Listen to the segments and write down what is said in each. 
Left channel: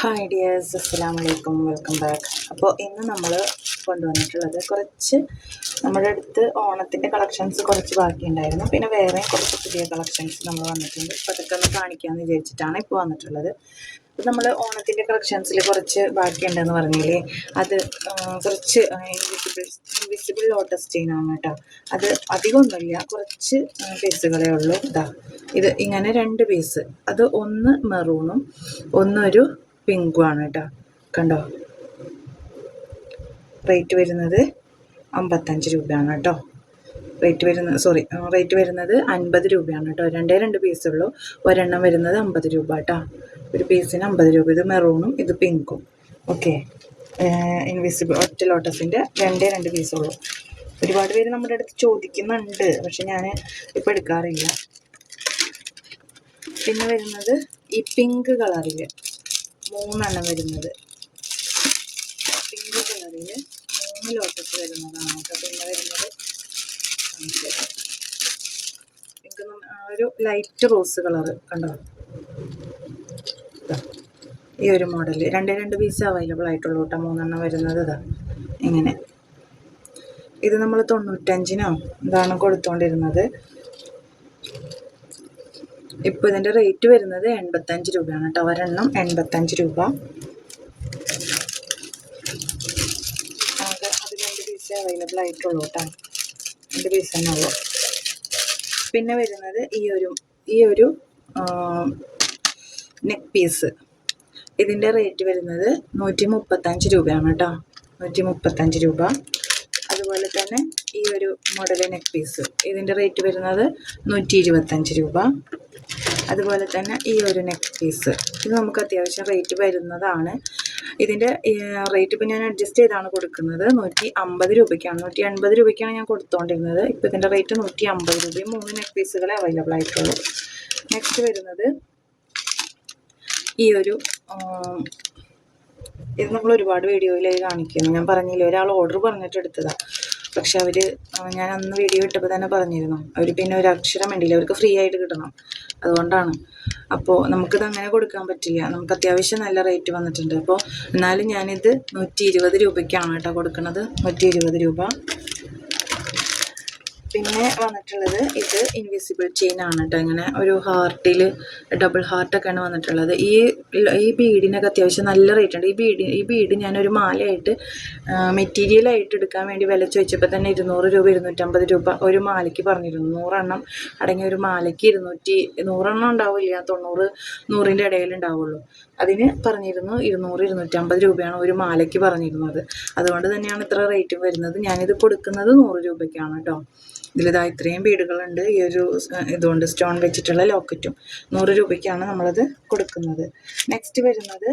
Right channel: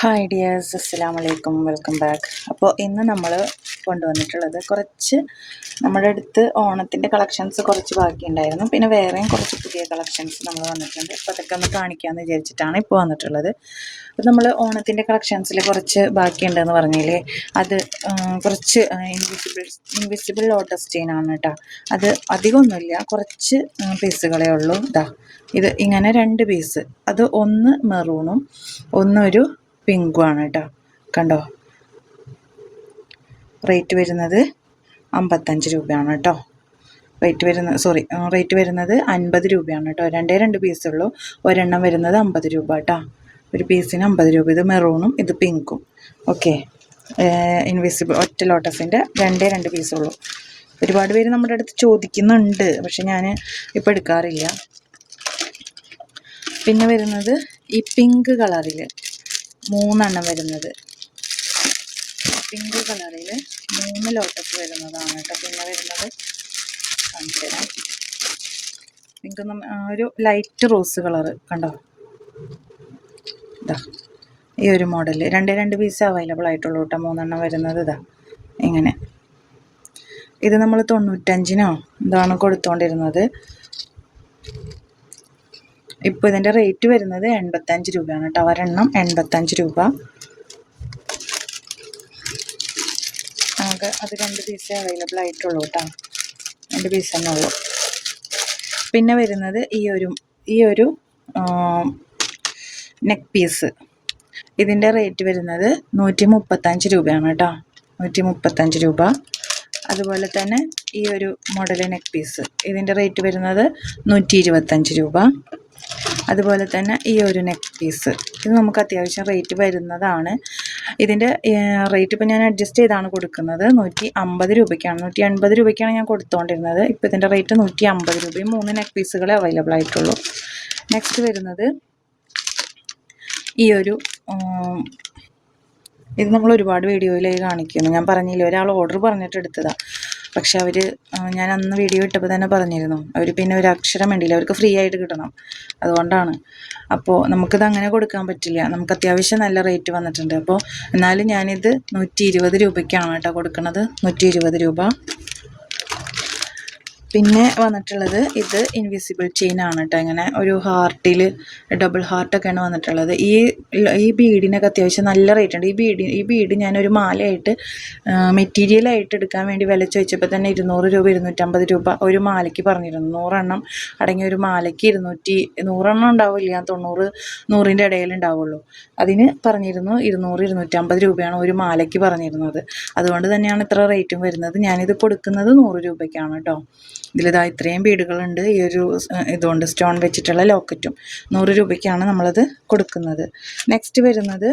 Hi dears, അസ്സലാമു അലൈക്കും, welcome back. അപ്പോൾ ഇന്ന് നമ്മൾ കൊണ്ടുവന്നിട്ടുള്ളത് കുറച്ച് നമ്മുടെ അടുത്ത് ഓണത്തിൻ്റെ കളക്ഷൻസ് കുറച്ച് ബാക്കിയുണ്ടായിരുന്നു. പിന്നെ വേറെയും കുറച്ച് പുതിയ കളക്ഷൻസ് നമ്മൾ വന്നിട്ടുണ്ട്. അപ്പോൾ അതൊക്കെ ഒന്ന് കാണിക്കാമെന്ന് വിചാരിച്ചിട്ടാണ് ഇപ്പോൾ വന്നിട്ടുള്ളത്. അപ്പോൾ നമ്മൾ ഓണത്തിൻ്റെ കളക്ഷൻസിൽ കുറച്ച് ബാക്കിയുണ്ടെന്ന് പറഞ്ഞില്ലേ, അത് കുറച്ച് ഇൻവിസിബിൾ ലോട്ടസ് ചെയിനാണ് കേട്ടോ. അത് അധികമൊന്നുമില്ല, കുറച്ച് പീസുകളേ ഉള്ളൂ. ഇത് ഇങ്ങനെ 2 പീസ്, അത് ഒന്ന് മെറൂണും ഒന്നൊരു പിങ്കുമാണ് കേട്ടോ. കണ്ടോ, റേറ്റ് വരുന്നത് 55 രൂപയാണ് കേട്ടോ. റേറ്റ് വരുന്നത് 50 രൂപയാണ് കേട്ടോ. 2 പീസുള്ളൂ, ഒരെണ്ണം വരുന്നത് 50 രൂപ കേട്ടോ. ഒരു പീസിന് 50 രൂപ. ഇത് മെറൂണും ഇത് പിങ്കും. ഓക്കെ, ഇൻവിസിബിൾ ഒറ്റ ലോട്ടസിൻ്റെ 2 പീസുള്ളൂ. ഒരുപാട് പേര് നമ്മുടെ അടുത്ത് ചോദിക്കുന്നുണ്ട്, പക്ഷെ ഞാൻ ഇപ്പോൾ എടുക്കാറില്ല. പിന്നെ വരുന്നത് ഈ പിങ്ക് കളറിൽ 3 എണ്ണം വരുന്നത്, പിങ്ക് കളറിൽ 3 ലോട്ടസ് വരുന്നതാണ് കേട്ടോ. പിന്നെ വരുന്നത് കാണിച്ചു തരാം. പിങ്ക് ഒരു ലൈറ്റ് റോസ് കളറ് കണ്ടോ. ഇതാ ഈ ഒരു മോഡൽ 2 പീസ് അവൈലബിൾ ആയിട്ടുള്ളൂ കേട്ടോ. 3 എണ്ണം വരുന്നത് ഇതാ ഇങ്ങനെ. ഇത് നമ്മൾ 95-നോ ഇതാണ് കൊടുത്തുകൊണ്ടിരുന്നത്. ഇപ്പോൾ ഇതിൻ്റെ റേറ്റ് വരുന്നത് 85 രൂപയാണ് കേട്ടോ. ഒരെണ്ണം 85 രൂപ. ആകെ അത് 2 പീസേ അവൈലബിൾ ആയിട്ടുള്ളൂ കേട്ടോ. 2 പീസ് തന്നെ ഉള്ളൂ. പിന്നെ വരുന്നത് ഈ ഒരു നെക്ക് പീസ്. ഇതിൻ്റെ റേറ്റ് വരുന്നത് 135 രൂപയാണ് കേട്ടോ. 135 രൂപ. അതുപോലെ തന്നെ ഈ ഒരു മോഡൽ നെക്ക് പീസ്, ഇതിൻ്റെ റേറ്റ് വരുന്നത് 125 രൂപ. അതുപോലെ തന്നെ ഈ ഒരു നെക്ക് പീസ്, ഇത് നമുക്ക് അത്യാവശ്യം റേറ്റ് വരുന്നതാണ്. ഇതിൻ്റെ റേറ്റ് ഇപ്പോൾ ഞാൻ അഡ്ജസ്റ്റ് ചെയ്താണ് കൊടുക്കുന്നത്. 150 രൂപയ്ക്കാണ്, 180 രൂപയ്ക്കാണ് ഞാൻ കൊടുത്തുകൊണ്ടിരുന്നത്. ഇപ്പോൾ ഇതിൻ്റെ റേറ്റ് 150 രൂപയും. 3 നെക്ക് പീസുകളെ അവൈലബിൾ ആയിട്ടുള്ളൂ. നെക്സ്റ്റ് വരുന്നത് ഈ ഒരു ഇത് നമ്മൾ ഒരുപാട് വീഡിയോയിലായി കാണിക്കുന്നു. ഞാൻ പറഞ്ഞില്ല, ഒരാൾ ഓർഡർ പറഞ്ഞിട്ട് എടുത്തതാണ്. പക്ഷെ അവർ ഞാൻ അന്ന് വീഡിയോ ഇട്ടപ്പോൾ തന്നെ പറഞ്ഞിരുന്നു, അവർ പിന്നെ ഒരു അക്ഷരം വേണ്ടിയില്ല, അവർക്ക് ഫ്രീ ആയിട്ട് കിട്ടണം, അതുകൊണ്ടാണ്. അപ്പോൾ നമുക്കിത് അങ്ങനെ കൊടുക്കാൻ പറ്റില്ല. നമുക്ക് അത്യാവശ്യം നല്ല റേറ്റ് വന്നിട്ടുണ്ട്. അപ്പോൾ എന്നാലും ഞാനിത് 120 രൂപയ്ക്കാണ് കേട്ടോ കൊടുക്കുന്നത്. 120 രൂപ. പിന്നെ വന്നിട്ടുള്ളത് ഇത് ഇൻവിസിബിൾ ചെയിനാണ് കേട്ടോ. ഇങ്ങനെ ഒരു ഹാർട്ടിൽ ഡബിൾ ഹാർട്ടൊക്കെയാണ് വന്നിട്ടുള്ളത്. ഈ ബീഡിനൊക്കെ അത്യാവശ്യം നല്ല റേറ്റ് ഉണ്ട്. ഈ ബീഡ് ഞാനൊരു മാലയായിട്ട് മെറ്റീരിയലായിട്ട് എടുക്കാൻ വേണ്ടി വില ചോദിച്ചപ്പോൾ തന്നെ 200 രൂപ 250 രൂപ ഒരു മാലയ്ക്ക് പറഞ്ഞിരുന്നു. 100 എണ്ണം അടങ്ങിയ ഒരു മാലയ്ക്ക് 100 എണ്ണം ഉണ്ടാവില്ല, 100ൻ്റെ ഇടയിൽ ഉണ്ടാവുള്ളൂ. അതിന് പറഞ്ഞിരുന്നു 200 250 രൂപയാണ് ഒരു മാലയ്ക്ക് പറഞ്ഞിരുന്നത്. അതുകൊണ്ട് തന്നെയാണ് ഇത്ര റേറ്റും വരുന്നത്. ഞാനിത് കൊടുക്കുന്നത് 100 രൂപയ്ക്കാണ് കേട്ടോ. ഇതിലിതാ ഇത്രയും ബീഡുകളുണ്ട്. ഈ ഒരു ഇതുകൊണ്ട് സ്റ്റോൺ വെച്ചിട്ടുള്ള ലോക്കറ്റും 100 രൂപയ്ക്കാണ് നമ്മളത് കൊടുക്കുന്നത്. നെക്സ്റ്റ് വരുന്നത്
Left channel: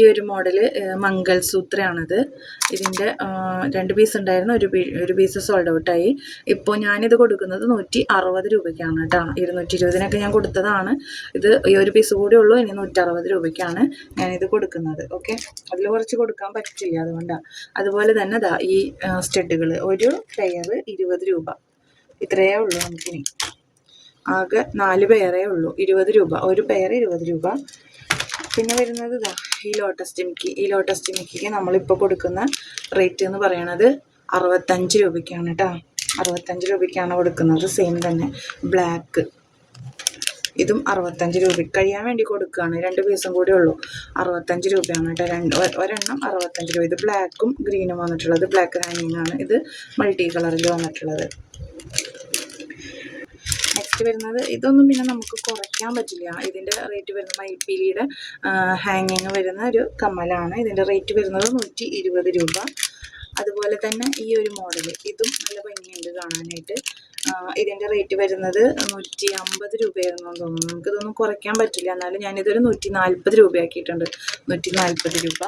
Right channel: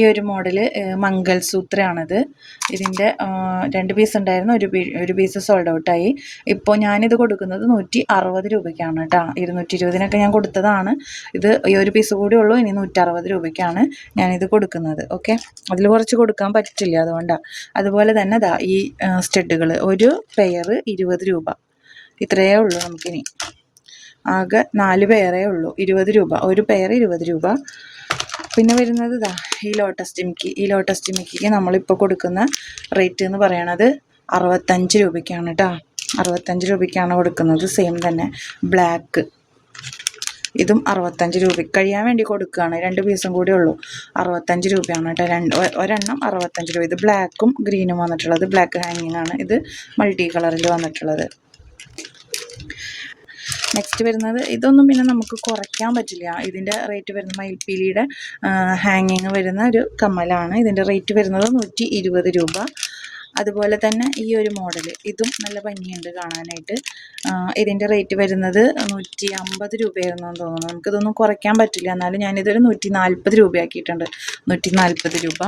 ഈ ഒരു മോഡൽ മംഗൾസൂത്രയാണത്. ഇതിൻ്റെ 2 പീസ് ഉണ്ടായിരുന്നു, ഒരു പീസ് സോൾഡ് ഔട്ടായി. ഇപ്പോൾ ഞാനിത് കൊടുക്കുന്നത് 160 രൂപയ്ക്കാണ് കേട്ടോ. 220-നൊക്കെ ഞാൻ കൊടുത്തതാണ്. ഈ ഒരു പീസ് കൂടി ഉള്ളൂ. ഇനി 160 രൂപയ്ക്കാണ് ഞാനിത് കൊടുക്കുന്നത്. ഓക്കെ, അതിൽ കുറച്ച് കൊടുക്കാൻ പറ്റില്ല, അതുകൊണ്ടാണ്. അതുപോലെ തന്നെ ഈ സ്റ്റഡുകൾ ഒരു പെയർ 20 രൂപ. ഇത്രയേ ഉള്ളൂ നമുക്കിനി. ആകെ 4 പെയറേ ഉള്ളൂ. 20 രൂപ ഒരു പെയർ, 20 രൂപ. പിന്നെ വരുന്നത് ഈ ലോട്ടസ് ജിമിക്കിക്ക് നമ്മളിപ്പോൾ കൊടുക്കുന്ന റേറ്റ് എന്ന് പറയണത് 65 രൂപയ്ക്കാണ് കേട്ടോ. 65 രൂപയ്ക്കാണ് കൊടുക്കുന്നത്. സെയിം തന്നെ ബ്ലാക്ക്, ഇതും 65 രൂപയ്ക്ക് കഴിയാൻ വേണ്ടി കൊടുക്കുകയാണ്. 2 പീസും കൂടി ഉള്ളൂ. 65 രൂപയാണ് കേട്ടോ. ഒരെണ്ണം 65 രൂപ. ഇത് ബ്ലാക്കും ഗ്രീനും വന്നിട്ടുള്ളത്. ബ്ലാക്ക് ഹാങ്ങിങ് ആണ്. ഇത് മൾട്ടി കളറിൽ വന്നിട്ടുള്ളത്. നെക്സ്റ്റ് വരുന്നത് ഇതൊന്നും പിന്നെ നമുക്ക് കുറയ്ക്കാൻ പറ്റില്ല. ഇതിൻ്റെ റേറ്റ് വരുന്നത് മയിൽപ്പീലിയുടെ ഹാങ്ങിങ് വരുന്ന ഒരു കമ്മലാണ്. ഇതിൻ്റെ റേറ്റ് വരുന്നത് 120 രൂപ. അതുപോലെ തന്നെ ഈ ഒരു മോഡൽ, ഇതും നല്ല ഭംഗിയുണ്ട് കാണാനായിട്ട്. ഇതിൻ്റെ റേറ്റ് വരുന്നത് 150 രൂപയായിരുന്നു തോന്നുന്നു. നമുക്കിതൊന്നും കുറയ്ക്കാൻ പറ്റില്ല. എന്നാലും ഞാനിതൊരു 140 രൂപയാക്കിയിട്ടുണ്ട്. 140 രൂപ.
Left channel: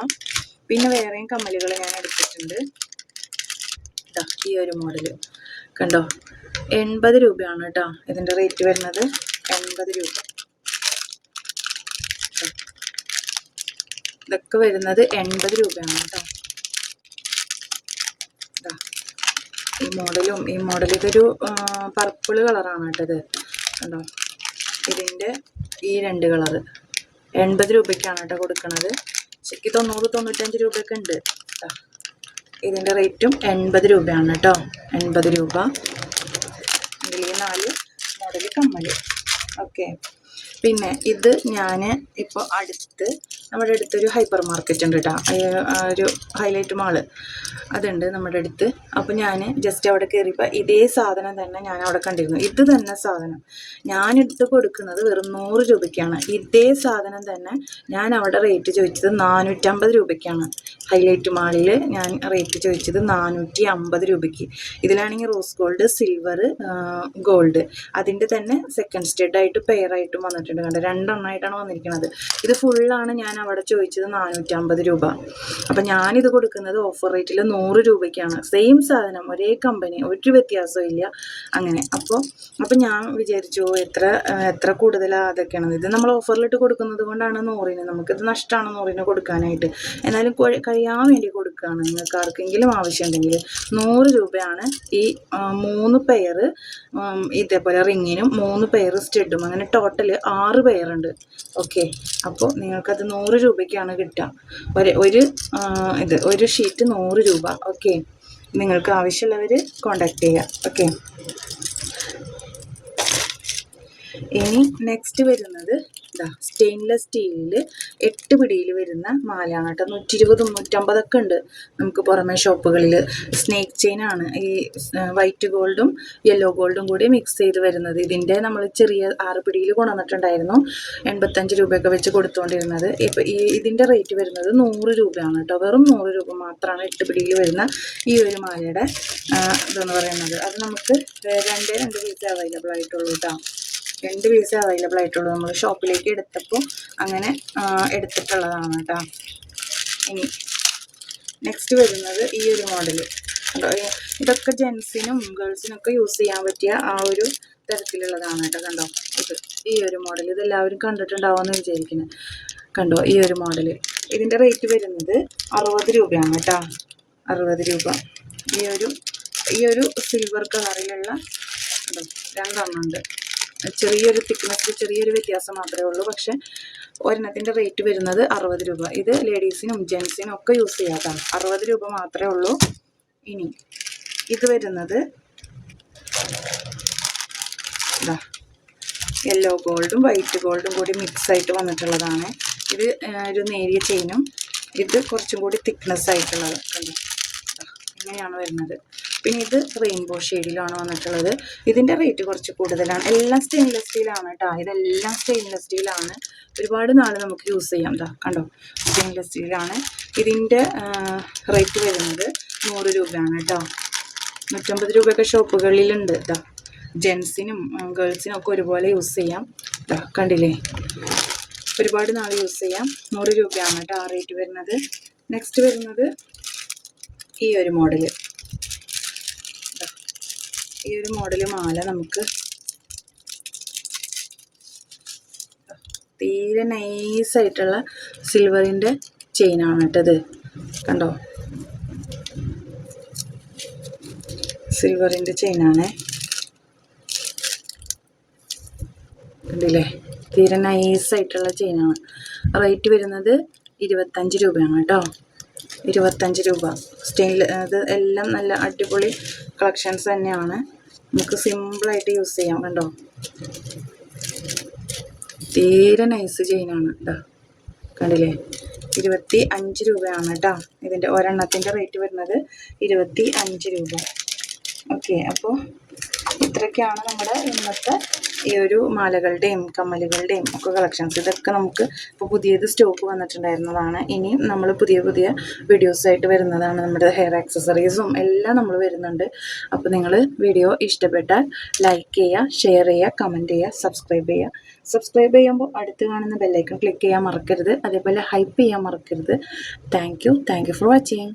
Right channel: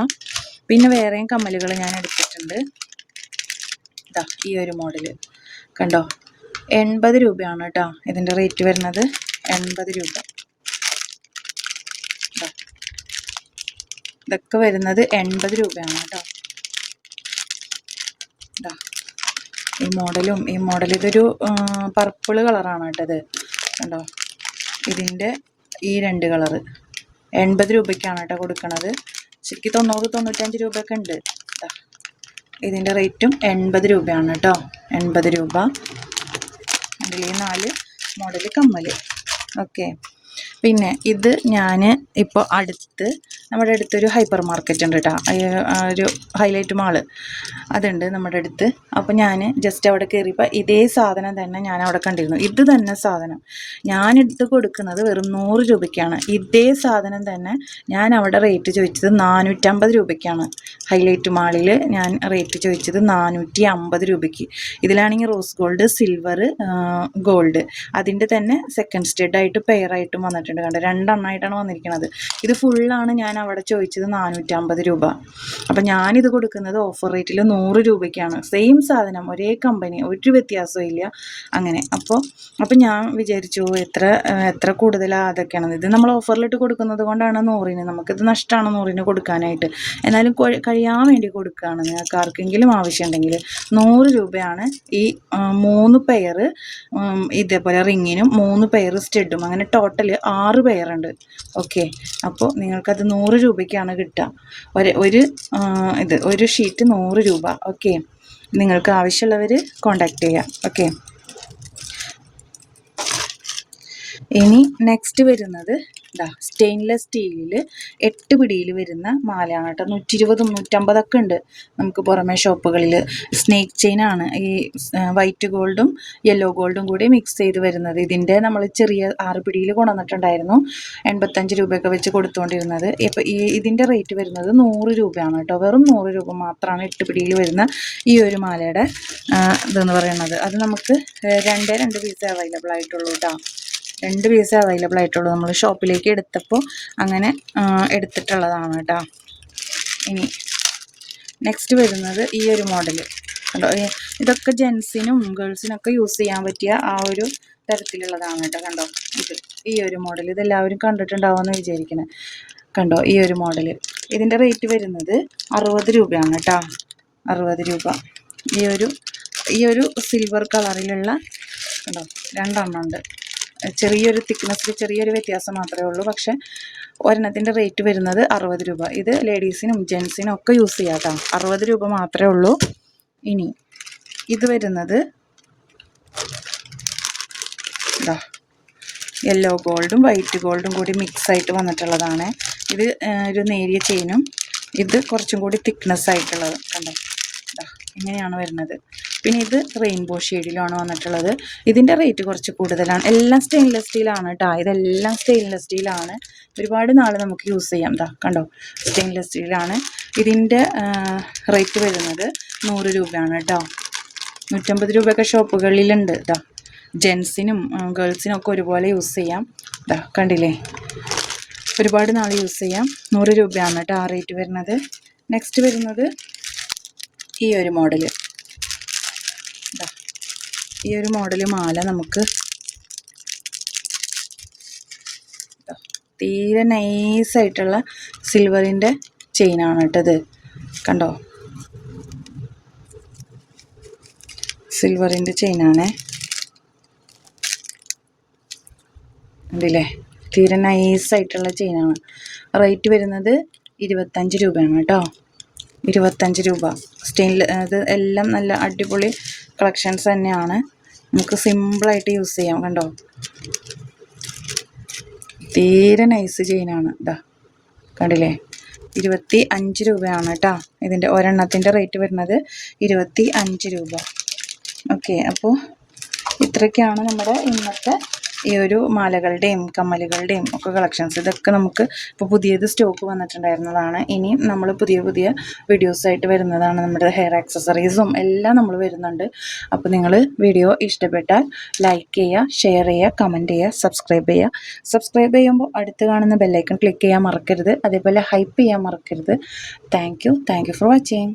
പിന്നെ വേറെയും കമ്മലുകൾ ഞാൻ എടുത്തിട്ടുണ്ട്. ഈ ഒരു മോഡൽ കണ്ടോ, 80 രൂപയാണ് കേട്ടോ. ഇതിൻ്റെ റേറ്റ് വരുന്നത് 80 രൂപ. ഇതൊക്കെ വരുന്നത് 80 രൂപയാണ് കേട്ടോ. ഈ മോഡൽ ഇതൊരു പർപ്പിൾ കളറാണ് കേട്ടോ. ഇത് കണ്ടോ, ഇതിൻ്റെ ഈ 2 കളറ് 80 രൂപയ്ക്കാണ് കേട്ടോ കൊടുക്കുന്നത്. ശരിക്കും 90-95 രൂപയൊക്കെ ഉണ്ട്. ഇതിൻ്റെ റേറ്റും 80 രൂപയാണ് കേട്ടോ. 80 രൂപ. അതിൽ 4 മോഡൽ കമ്മൽ. ഓക്കെ. പിന്നെ ഇത് ഞാൻ ഇപ്പോൾ നമ്മുടെ അടുത്തൊരു ഹൈപ്പർ മാർക്കറ്റ് ഉണ്ട് കേട്ടോ, ഒരു ഹൈലൈറ്റ് മാള് അതുണ്ട് നമ്മുടെ അടുത്ത്. അപ്പോൾ ഞാൻ ജസ്റ്റ് അവിടെ കയറിയപ്പോൾ ഇതേ സാധനം തന്നെ ഞാൻ അവിടെ കണ്ടിരുന്നു. ഇത് തന്നെ സാധനം ഞാനെടുത്ത് കൊടുക്കുന്നത് വെറും 100 രൂപയ്ക്കാണ്. ഇതേ സാധനം തന്നെ ഞാൻ അവിടെ റേറ്റ് ചോദിച്ചത് 450 രൂപയ്ക്കാണ്. ഹൈലൈറ്റ് മാളിൽ ഞാൻ റേറ്റ് ചോദിച്ചത് 450 രൂപയ്ക്ക്. ഇതിലാണെങ്കിൽ റോസ് ഗോൾഡ്, സിൽവർ, ഗോൾഡ് അതിൻ്റെ തന്നെ സെക്കൻഡ് സ്റ്റെഡായിട്ട് പെയറായിട്ടും വന്നിട്ടുണ്ട്. കണ്ടോ, 2 എണ്ണമായിട്ടാണ് വന്നിരിക്കുന്നത്. ഇത് ഫുള്ളാണ് ഞാൻ അവിടെ ചോദിച്ചത് 450 രൂപ. അപ്പം ഞാനിത് കൊടുക്കുന്നത് ഓഫർ റേറ്റിൽ 100 രൂപയ്ക്കാണ്. സെയിം സാധനം, ഒരേ കമ്പനി, ഒരു വ്യത്യാസവും ഇല്ല. അങ്ങനെ അപ്പോൾ ഞാൻ വിചാരിച്ചു എത്ര കൂടുതലാണ് അതൊക്കെയാണ്. ഇത് നമ്മൾ ഓഫറിലിട്ട് കൊടുക്കുന്നത് കൊണ്ടാണ് 100-ന്. നമുക്കിത് നഷ്ടമാണ് 100-ന് കൊടുക്കാനായിട്ട്. എന്നാലും കഴിയാൻ വേണ്ടി കൊടുക്കുകയാണ്. നിങ്ങൾക്ക് ആർക്കെങ്കിലും ആവശ്യമുണ്ടെങ്കിൽ 100 രൂപയാണ് ഈ 3 പെയർ ഇതേപോലെ റിങ്ങിനും 3 പെയർ സ്റ്റെഡും, അങ്ങനെ ടോട്ടൽ 6 പെയറുണ്ട്. ഓക്കെ. അപ്പോൾ നിങ്ങൾക്കത് 100 രൂപയ്ക്കാണ് കിട്ടുക. ഒരു ഷീറ്റ് 100 രൂപ. ഓക്കെ. നിങ്ങൾക്ക് ആവശ്യമുള്ളവർ കോണ്ടാക്ട് ചെയ്യാം. ഓക്കെ. ഇനി നെക്സ്റ്റ് വരുന്നത് സ്റ്റെയിൻലെസ് സ്റ്റീലിൽ 8 പിടിയിൽ വരുന്ന മാലയാണ് കേട്ടോ. 120-150 ഉണ്ട് നമുക്ക് പുറമേ ഷോപ്പുകളിൽ. സ്നേക്ക് ചെയിനാണ്. ഈ വൈറ്റ് ഗോൾഡും യെല്ലോ ഗോൾഡും കൂടി മിക്സ് ചെയ്ത് വരുന്നത്. ഇതിൻ്റെ നമ്മൾ ചെറിയ 6 പിടിയിൽ കൊണ്ടുവന്നിട്ടുണ്ടായിരുന്നു. 85 രൂപയൊക്കെ വെച്ച് കൊടുത്തുകൊണ്ടിരുന്നത്. ഇപ്പോൾ ഇതിൻ്റെ റേറ്റ് വരുന്നത് 100 രൂപയാണ് കേട്ടോ. വെറും 100 രൂപ മാത്രമാണ് 8 പിടിയിൽ വരുന്ന ഈ ഒരു മാലയുടെ ഇതെന്ന് പറയുന്നത്. അത് നമുക്ക് 2 പീസ് അവൈലബിൾ ആയിട്ടുള്ളൂ കേട്ടോ. 2 പീസ് അവൈലബിൾ ആയിട്ടുള്ളൂ. നമ്മൾ ഷോപ്പിലേക്ക് എടുത്തപ്പോൾ അങ്ങനെ എടുത്തിട്ടുള്ളതാണ് കേട്ടോ. ഇനി നെക്സ്റ്റ് വരുന്നത് ഈ ഒരു മോഡൽ. ഇതൊക്കെ ജെൻസിനും ഗേൾസിനൊക്കെ യൂസ് ചെയ്യാൻ പറ്റിയ ആ ഒരു തരത്തിലുള്ളതാണ് കേട്ടോ. കണ്ടോ, ഈ ഒരു മോഡൽ ഇതെല്ലാവരും കണ്ടിട്ടുണ്ടാവുമെന്ന് വിചാരിക്കുന്നത്. കണ്ടോ, ഈ ഒരു മോഡൽ. ഇതിൻ്റെ റേറ്റ് വരുന്നത് 60 രൂപയാണ് കേട്ടോ. 60 രൂപ. ഈ ഒരു സിൽവർ കളറിലുള്ള കണ്ടോ 2 എണ്ണം ഉണ്ട്. ചെറിയൊരു തിക്നെസ്സിൽ ചെറിയൊരു വ്യത്യാസം മാത്രമേ ഉള്ളൂ. പക്ഷേ ഒരെണ്ണത്തിൻ്റെ റേറ്റ് വരുന്നത് 60 രൂപ. ഇത് ലേഡീസിനും ജെൻസിനും ഒക്കെ യൂസ് ചെയ്യാം കേട്ടോ. 60 രൂപ മാത്രമേ ഉള്ളൂ. ഇനി ഇത് വരുന്നത് യെല്ലോ ഗോൾഡും വൈറ്റ് ഗോൾഡും കൂടി മിക്സ് ആയിട്ട് വന്നിട്ടുള്ളതാണ്. ഇത് ഒരു നേരിയ ചെയിനും, ഇത് കുറച്ചും കൂടി തിക്നെസ് ആയിട്ടുള്ളത്. കണ്ടോ, ഇങ്ങനെയാണ് വരുന്നത്. പിന്നെ ഇത് റെയിൻബോ ഷെയ്ഡിലാണ് വന്നിട്ടുള്ളത്. ഇതിൻ്റെ റേറ്റ് കുറച്ച് കൂടുതലാണ്. എല്ലാം സ്റ്റെയിൻലെസ് സ്റ്റീലാണ് കേട്ടോ. ഇതെല്ലാം സ്റ്റെയിൻലെസ് സ്റ്റീലാണ്. ഒരുപാട് നാൾ നമുക്ക് യൂസ് ചെയ്യാം. കണ്ടോ, സ്റ്റെയിൻലെസ് സ്റ്റീലാണ്. ഇതിൻ്റെ റേറ്റ് വരുന്നത് 100 രൂപയാണ് കേട്ടോ. 150 രൂപയൊക്കെ ഷോപ്പുകളിലുണ്ട്. ജെൻസിനും ഗേൾസിനും ഒക്കെ ഒരുപോലെ യൂസ് ചെയ്യാം. കണ്ടില്ലേ, ഒരുപാട് നാൾ യൂസ് ചെയ്യാം. 100 രൂപയാണ് കേട്ടോ ആ റേറ്റ് വരുന്നത്. നെക്സ്റ്റ് വരുന്നത് ഈ ഒരു മോഡൽ. ഈ ഒരു മോഡൽ മാല നമുക്ക് തീരെ നൈസായിട്ടുള്ള സിൽവറിൻ്റെ ചെയിനാണ് കേട്ടത്. കണ്ടോ, സിൽവറിൻ്റെ ചെയിനാണ്. കണ്ടില്ലേ, തീരെ നൈസായിട്ടുള്ള ചെയിനാണ്. റേറ്റ് വരുന്നത് 25 രൂപയാണ് കേട്ടോ. 25 രൂപ. അത് എല്ലാം നല്ല അടിപൊളി കളക്ഷൻസ് തന്നെയാണ്. നമുക്ക് സിമ്പിളായിട്ട് യൂസ് ചെയ്യാം. കണ്ടോ, തീരെ നൈസ് ചെയിനാണ്. കണ്ടില്ലേ, 25 രൂപയാണ് കേട്ടോ. ഇതിൻ്റെ ഒരെണ്ണത്തിൻ്റെ റേറ്റ് വരുന്നത് 25 രൂപ. ഓക്കെ. അപ്പോൾ ഇത്രയൊക്കെയാണ് നമ്മുടെ ഇന്നത്തെ ഈ ഒരു മാലകളുടെയും കമ്മലുകളുടെയും ഒക്കെ കളക്ഷൻസ്. ഇതൊക്കെ നമുക്ക് ഇപ്പോൾ പുതിയത് സ്റ്റോക്ക് വന്നിട്ടുണ്ടായിരുന്നതാണ്. ഇനി നമ്മൾ പുതിയ വീഡിയോസായിട്ട് വരുന്നതാണ്. നമ്മുടെ ഹെയർ ആക്സസറീസും എല്ലാം നമ്മൾ വരുന്നുണ്ട്. അപ്പോൾ നിങ്ങൾ വീഡിയോ ഇഷ്ടപ്പെട്ടാൽ ലൈക്ക് ചെയ്യുക, ഷെയർ ചെയ്യുക, കമൻറ്റ് ചെയ്യുക, സബ്സ്ക്രൈബ് ചെയ്യുക. സബ്സ്ക്രൈബ് ചെയ്യുമ്പോൾ അടുത്ത് കാണുന്ന ബെല്ലൈക്കൺ ക്ലിക്ക് ചെയ്യാൻ മറക്കരുത്. അതേപോലെ ഹൈപ്പ് ചെയ്യാൻ മറക്കരുത്. Thank you for watching.